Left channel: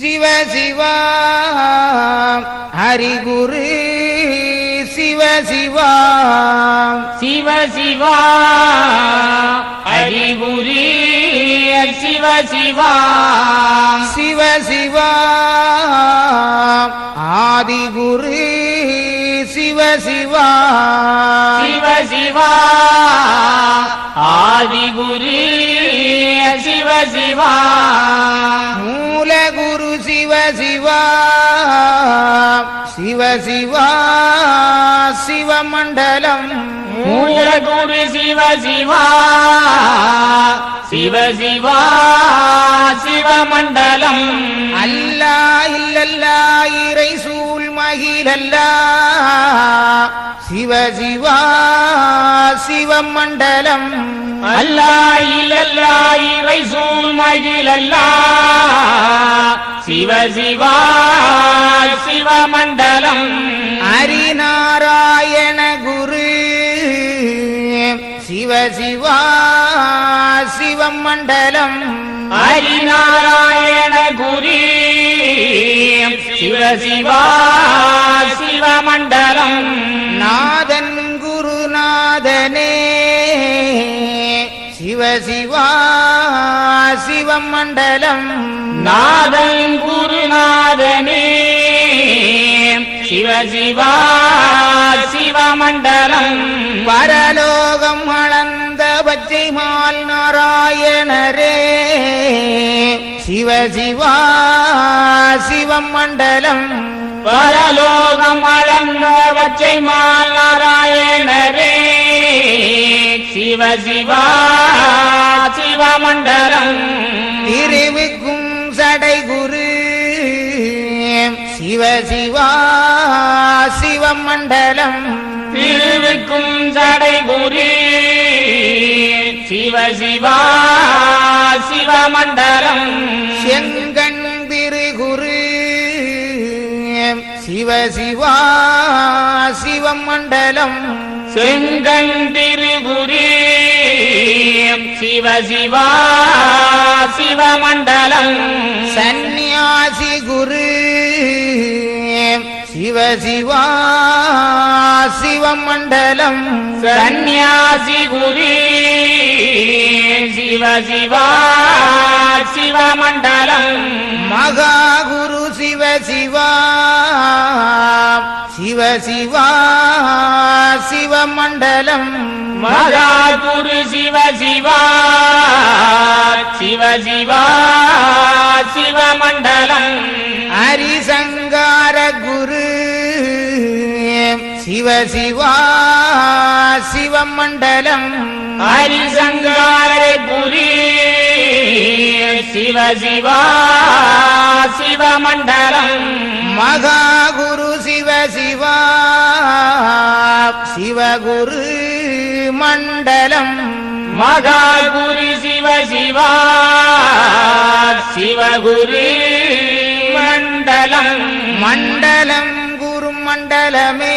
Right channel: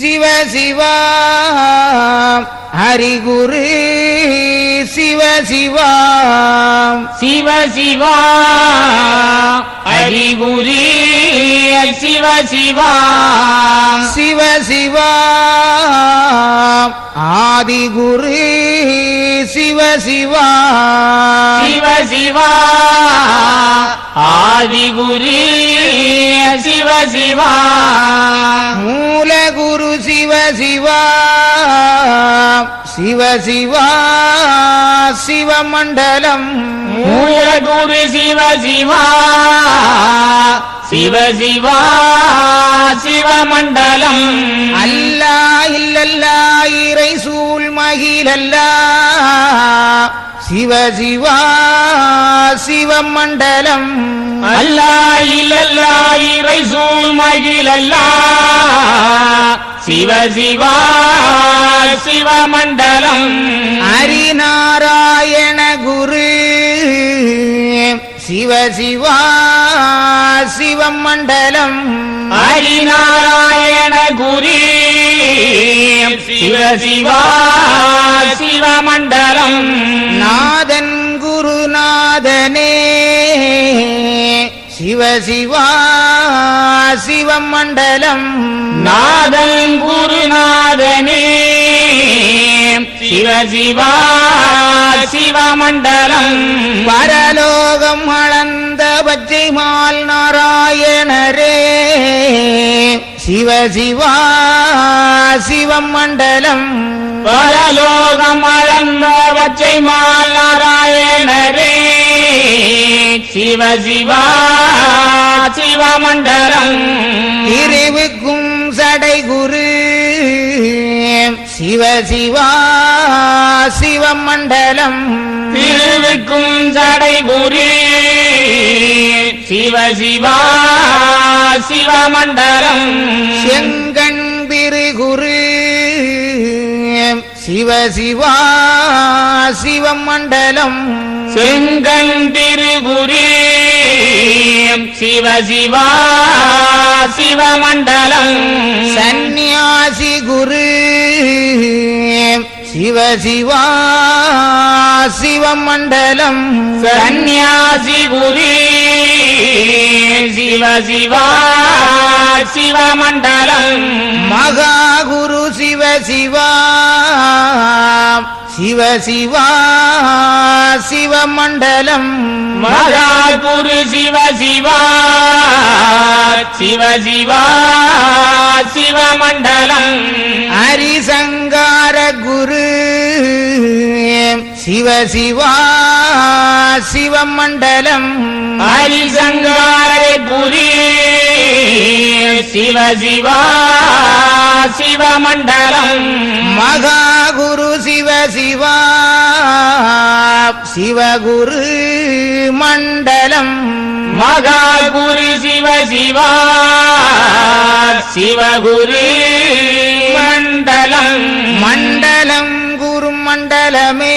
சிவ சிவா ஹரிகுரு சிவ சிவா சிவ சிவா ஹரிகுரு சிவ சிவா சிவ சிவா ஆதிகுரு சிவ சிவா சிவ சிவா ஆதிகுரு சிவ சிவா மூலகுரு சிவ சிவா சிவ சிவா சிவமண்டலம் மூலகுரு சிவ சிவா சிவ சிவா சிவமண்டலம் அல்லா இல்லல்லா இறை சூழ் மகிழல்லா சிவ சிவா சிவமண்டலம் அல்லா இல்லல்லா இறை சூழ் மகிழல்லா சிவ சிவா சிவமண்டலம் ஹரிநாராயண குரு சிவ சிவா சிவமண்டலம் ஹரிநாராயண குரு சிவ சிவா சிவமண்டலம் நாதன் குருநாதனே சிவ சிவா சிவமண்டலம் நாதன் குருநாதனே சிவ சிவா சிவமண்டலம் பரலோகம் அளந்த பச்சைமால் நாராயணரே சிவ சிவா சிவமண்டலம் பரலோகம் அளந்த பச்சைமால் நாராயணரே சிவ சிவா சிவமண்டலம் திருவுக்கும் சடைகுரு சிவ சிவா சிவமண்டலம் திருவுக்கும் சடைகுரு சிவ சிவா சிவமண்டலம் செங்கண் பிருகுரு சிவ சிவா சிவமண்டலம் செங்கண் திருகுரு சிவ சிவா சிவமண்டலம் சந்நியாசி குரு சிவ சிவா சிவமண்டலம் சந்நியாசி குரு சிவ சிவா சிவமண்டலம் மகாகுரு சிவ சிவா சிவ சிவா சிவமண்டலம் மகாகுரு சிவ சிவா சிவ சிவா சிவமண்டலம் ஹரிசங்கார குரு சிவ சிவா சிவமண்டலம் ஹரிசங்கார குரு சிவ சிவா சிவமண்டலம் மகாகுரு சிவ சிவா சிவகுரு மண்டலம் மகாகுரு சிவ சிவா சிவகுரு மண்டலம் மண்டலம் குரு மண்டலமே